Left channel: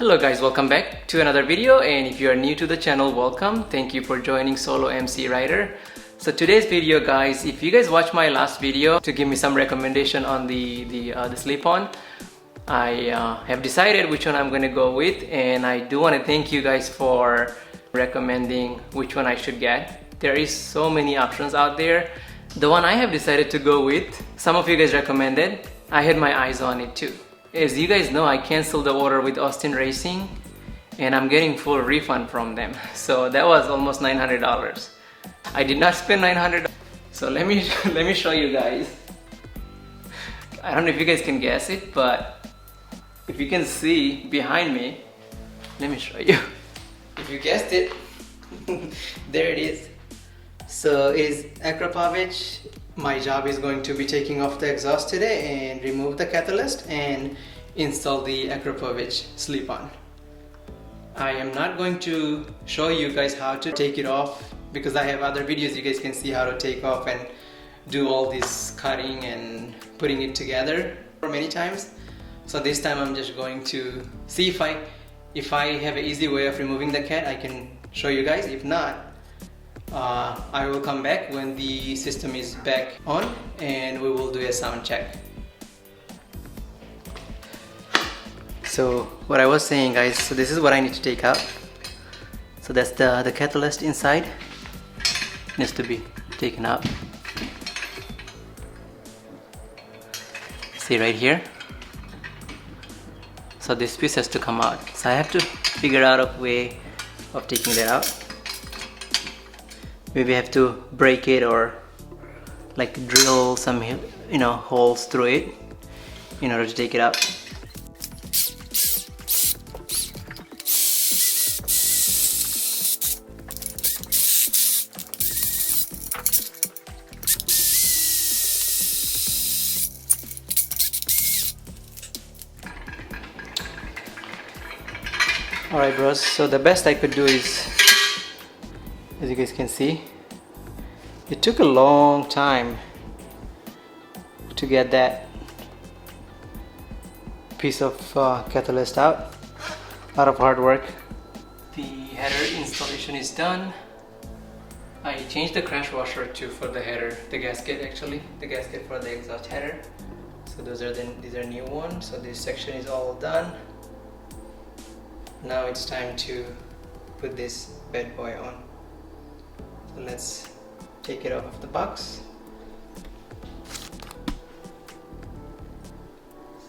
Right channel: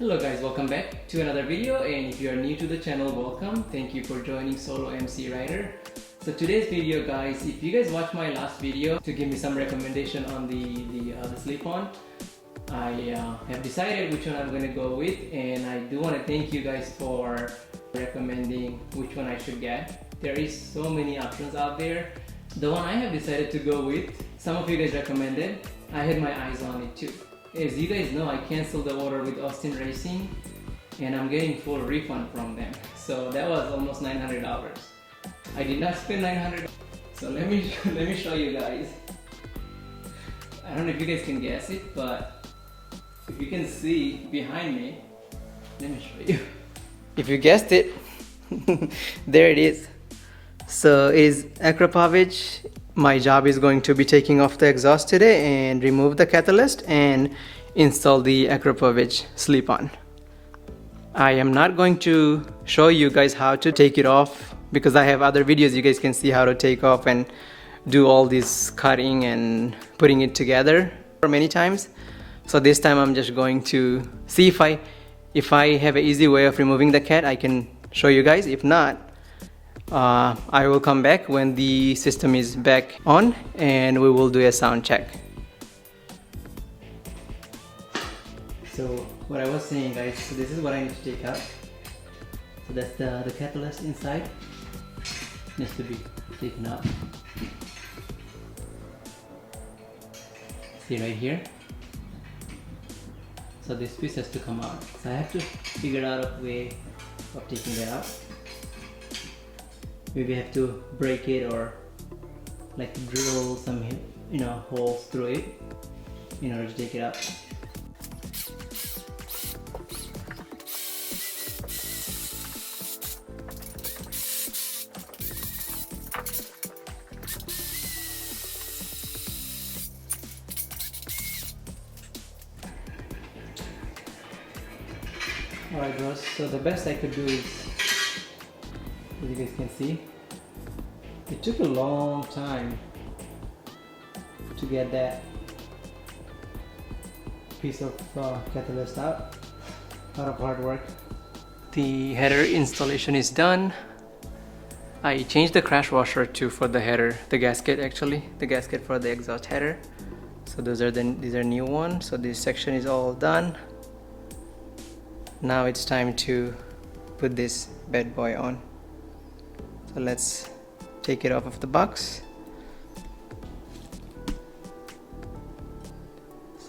Hello guys, welcome back to another video, and if you are new to the channel, welcome. Thank you for joining Solo MC Rider. So today's video guys, if you guys watched my last video to give me some recommendation on the slip-on, I have decided which one I'm going to go with, and I do want to thank you guys for recommending which one I should get. There is so many options out there. The one I have decided to go with, some of you guys recommended, I had my eyes on it too. As you guys know, I canceled the order with Austin Racing and I'm getting full refund from them. So that was almost $900. I did not spend $900. So let me show you guys. I don't know if you guys can guess it, but if you can see behind me, let me show you. If you guessed it, there it is. So it is Akrapovic. My job is going to be taking off the exhaust today and remove the catalyst and install the Akrapovic slip-on. I am not going to show you guys how to take it off because I have other videos you guys can see how to take off and do all this cutting and putting it together for many times. So this time I'm just going to see if I have an easy way of removing the cat, I can show you guys. If not, I will come back when the system is back on and we will do a sound check. So what I was saying guys, so this is what I need to take out. So that's the catalyst inside, needs to be taken out. See right here? So this piece has to come out. So I have to figure out a way of taking that out. Maybe I have to break it or like drill some holes through it in order to take it out. Alright bros, so the best I could do is, as you guys can see, it took a long time to get that piece of catalyst out. A lot of hard work. The header installation is done. I changed the crash washer for the header, the gasket actually, the gasket for the exhaust header. So these are new ones. So this section is all done. Now it's time to put this bad boy on. So let's take it off of the box.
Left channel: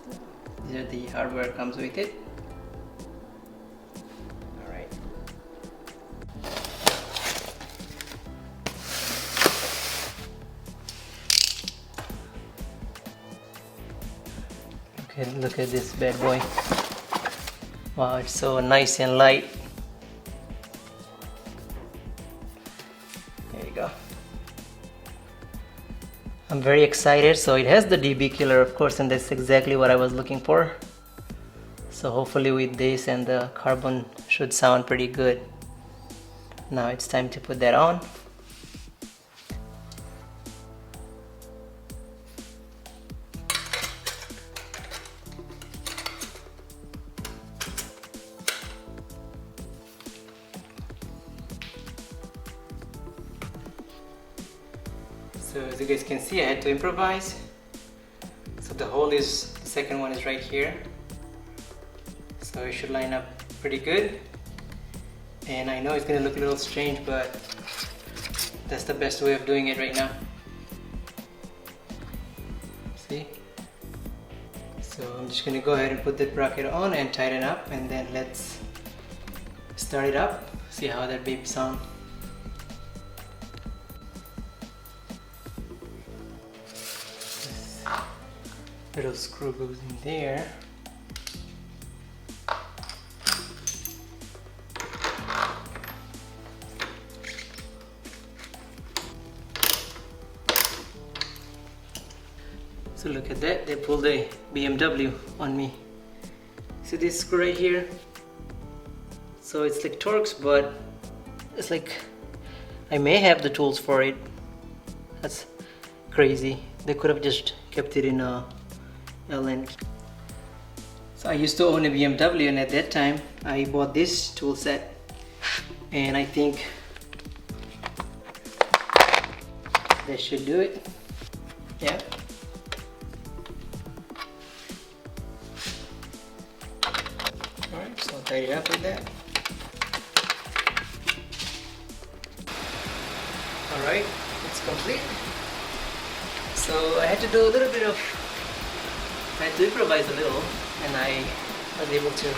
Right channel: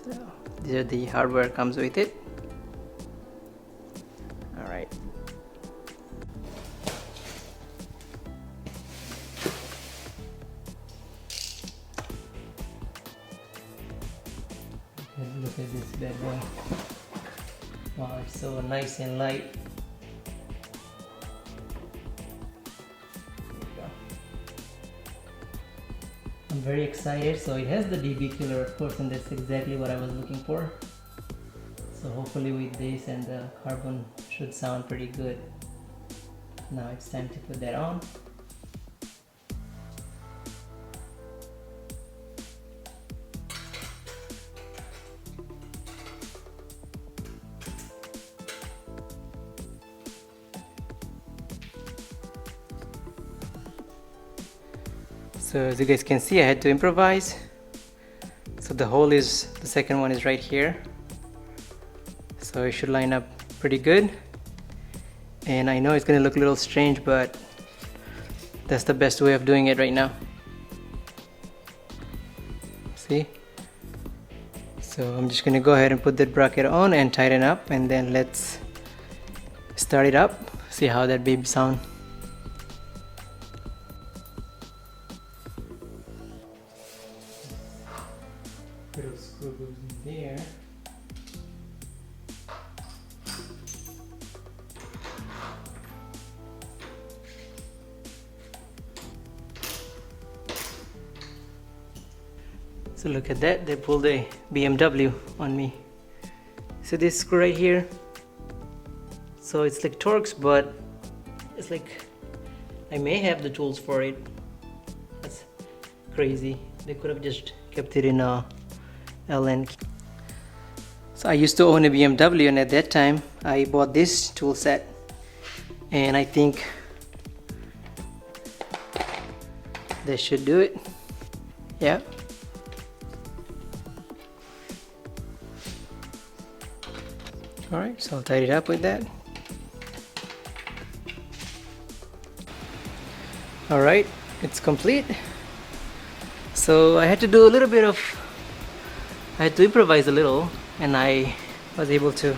So these are the hardware comes with it. Alright. Okay, look at this bad boy. Wow, it's so nice and light. There you go. I'm very excited. So it has the dB killer of course, and that's exactly what I was looking for. So hopefully with this and the carbon should sound pretty good. Now it's time to put that on. So as you guys can see, I had to improvise. So the second one is right here. So it should line up pretty good. And I know it's gonna look a little strange, but that's the best way of doing it right now. See? So I'm just gonna go ahead and put that bracket on and tighten up, and then let's start it up, see how that baby sounds. Little screw goes in there. So look at that, they pulled a BMW on me. So this screw right here, so it's like Torx, but it's like I may have the tools for it. That's crazy. They could have just kept it in a L end. So I used to own a BMW, and at that time I bought this tool set, and I think this should do it. Yeah. Alright, so I'll tidy it up with that. Alright, it's complete. So I had to do a little bit of, I had to improvise a little, and I was able to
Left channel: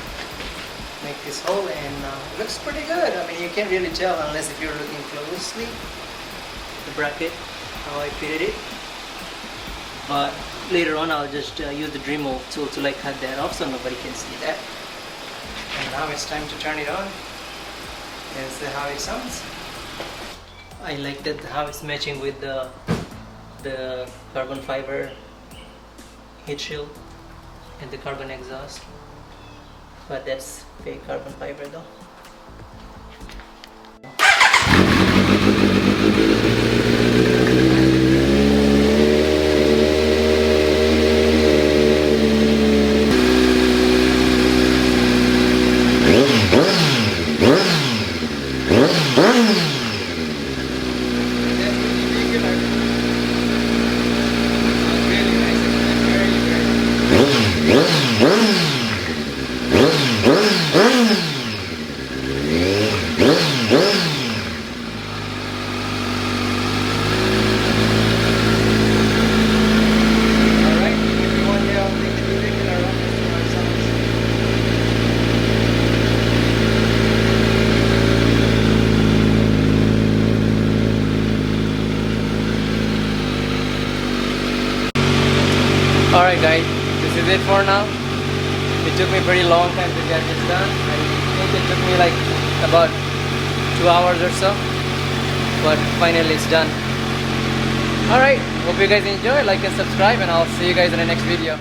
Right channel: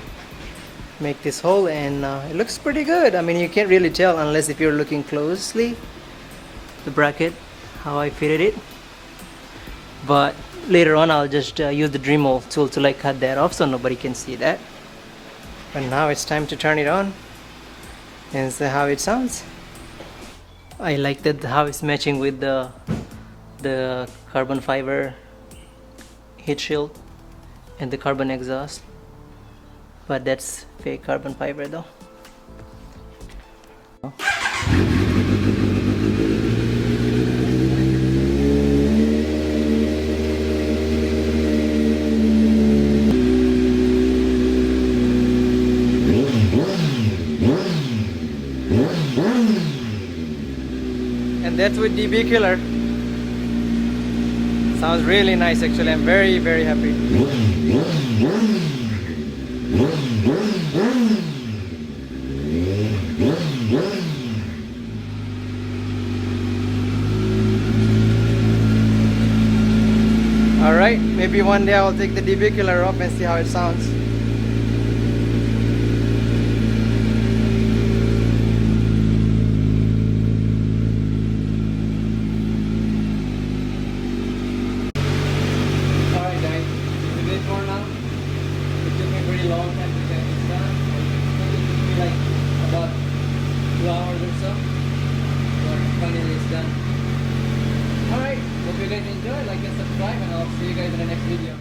make this hole, and it looks pretty good. I mean, you can't really tell unless if you're looking closely, the bracket, how I fitted it. But later on I'll just use the Dremel tool to like cut that off so nobody can see that. And now it's time to turn it on and see how it sounds. I like that how it's matching with the carbon fiber heat shield and the carbon exhaust, but that's fake carbon fiber though. And that's with DB killer. Sounds really nice actually. I'm very, very happy. Alright, maybe one day I'll take the DB killer off and see how it sounds. Alright guys, this is it for now. It took me a very long time to get this done. I think it took me like about 2 hours or so, but finally it's done. Alright, hope you guys enjoy, like and subscribe, and I'll see you guys in the next video.